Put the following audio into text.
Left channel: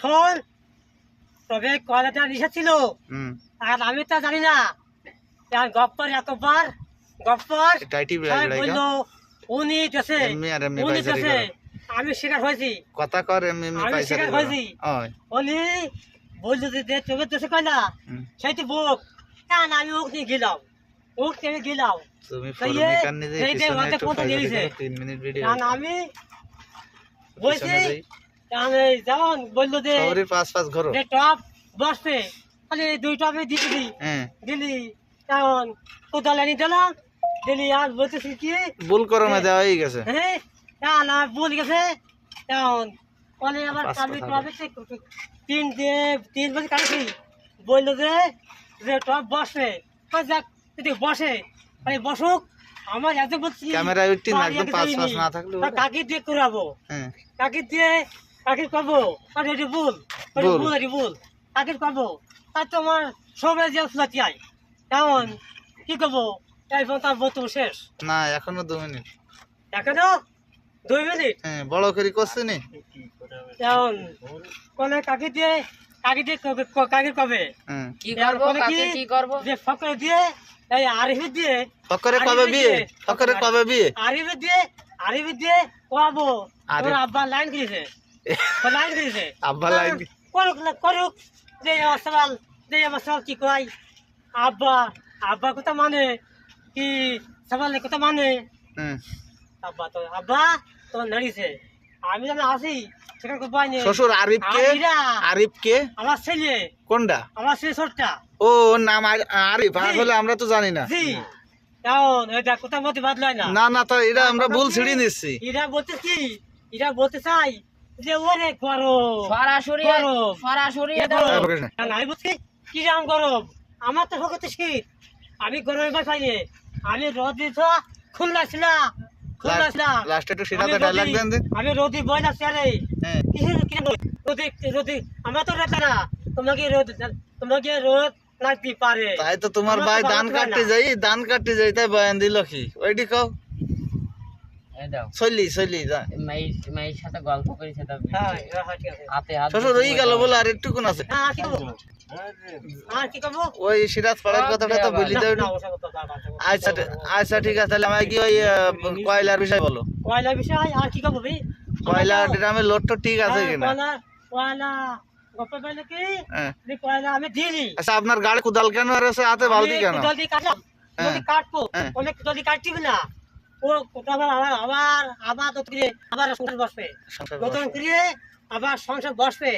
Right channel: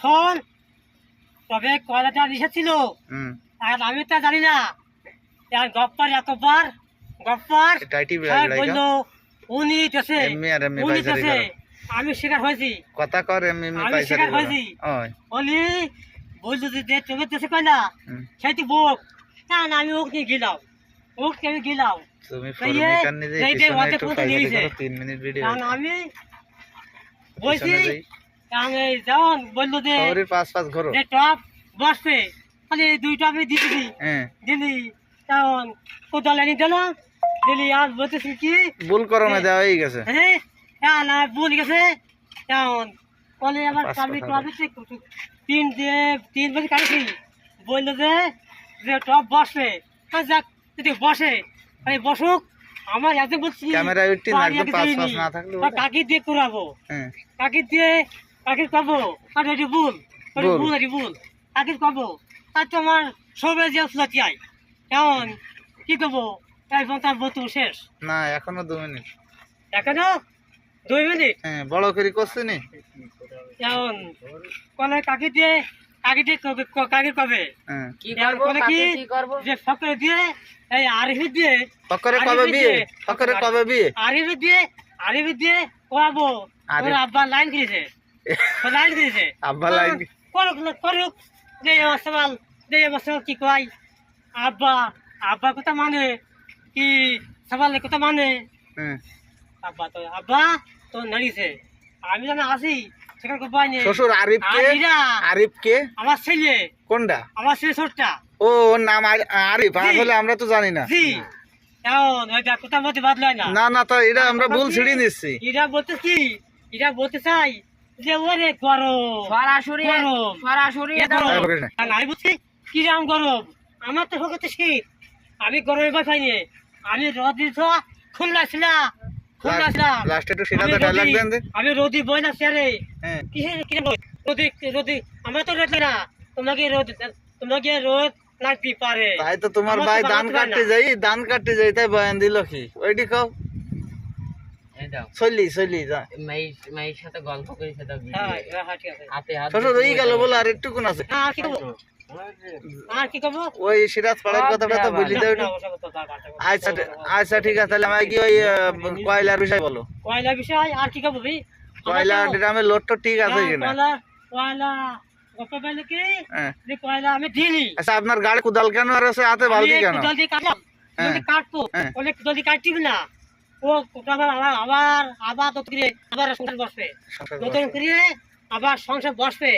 এখন তবে কয়লাটা নিষেধ ছিল আর আমি তো জানি না গপ্পার এতবার গপ্পার বললো উনি দেশে আমি শিকার হয়েছি কথা কর এমনি শিকার হয়েছি উনি বললো যে চোখের দেশে কয়লা সেইটি বোক না না আমি ওকে নিয়ে গেলাম ওকে আমি গেলাম তুমি ফরমিকার নিজে পিছনে একটু ফাইজারি করো 3 মিনিট ভিডিও আমি বলছি আমি যখন বললো যে শহরের পাঁচ ঘর যে টপ বসবে খালি দুইটা আমি দিদি দিলি তখন কোদাল এনে দিলাম দিলি আর বলতেছি কি ভুল করো না দেওয়া হয়ে গেছে হ্যাঁ না ভুল গেছে তখন বলে আবার আমি টপে তিন বাজে কাটছি বললো যে টপ বসবে যাক যদি বসে মানে বসুক আমার এত বলছি ক্যামেরা উঠতে একদম পাঁচ না থাকলে কাকি দিয়ে করাবো কাকি দিয়ে কাকির কবো আর এটি ভুল এটি ভুল কাকির কবো আর তোমার সবে যে ফুলাতি আয় কেমন কি করবো এখন তার বক্তব্য শেষ না এখনো 2 মিনিট এখনো 2 মিনিট বড় করে করছে নি কেমন কলে কাকি দিয়ে কাকির কবে কি করবো কি করবো যে ফকরে দিয়ে এই আরিফি দিয়ে ফকরে কবে বিয়ে আরিফি দিয়ে করাবো ওর আব্বা লাইন করেছে আব্বা লাইন করুক যে সবাল কি কয় আব্বা কথা মানে কি সবালের কথা মানে আব্বা তো নাড়িছে আমি যেন আসি সেখানে পাইনি শ্বশুর আরিফ কে আমার ছেলে কোনটা আমার ছেলে ছোটটা ও নাম আরিফ আসলে আমরা তো জানি না জি এখন ওইটা কোথাও মধ্যে বাদ লয় না না তো এটা আমরা ভুল ছিড়ে নিচ্ছি এরা বলতে চাই যে ওরে গরম সরাসরি আমি বুঝছি কিরম গরম আমার তো হতে শীত আমি গরমে ভয় পাইনি আমি রোদি তো খুলনা ছিলাম লাস্টে একটু সিনাতে ডায়লগ দেন আমি রোদি বই না স্যারে রোদি আমরা তো রেত না তোমাকে রোদ লাগতে পারে তাই তো তোমার ভাই ধান কাটতে যাই তাই বয়ান দিল কি ওইটি খাও চলি মাইর সাথে গল্প করেছে শ্বশুর হয়ে গেল বলে আর একটু কোন আছে আর কি করবো ওই সিরাজ পাড়ার কথাটা তো বলি দাও আচ্ছা ঠিক আছে তাহলে আমাকে কি ওই কয়লার বিষয় বলো কয়লার বিষয় আর কি করবো কয়লা ড্রামের লোড তো ঠিক আছে কিনা কয়লা কয়লা আমি দিইনি আচ্ছা আপনার গাড়ি কোদাল কেন আর আছে হাতে বালতি কেন কাটবো অনেক জলদি কাটছি না ও আবার নতুন করে আবার সংসার বসবে আবার সংসার বসবে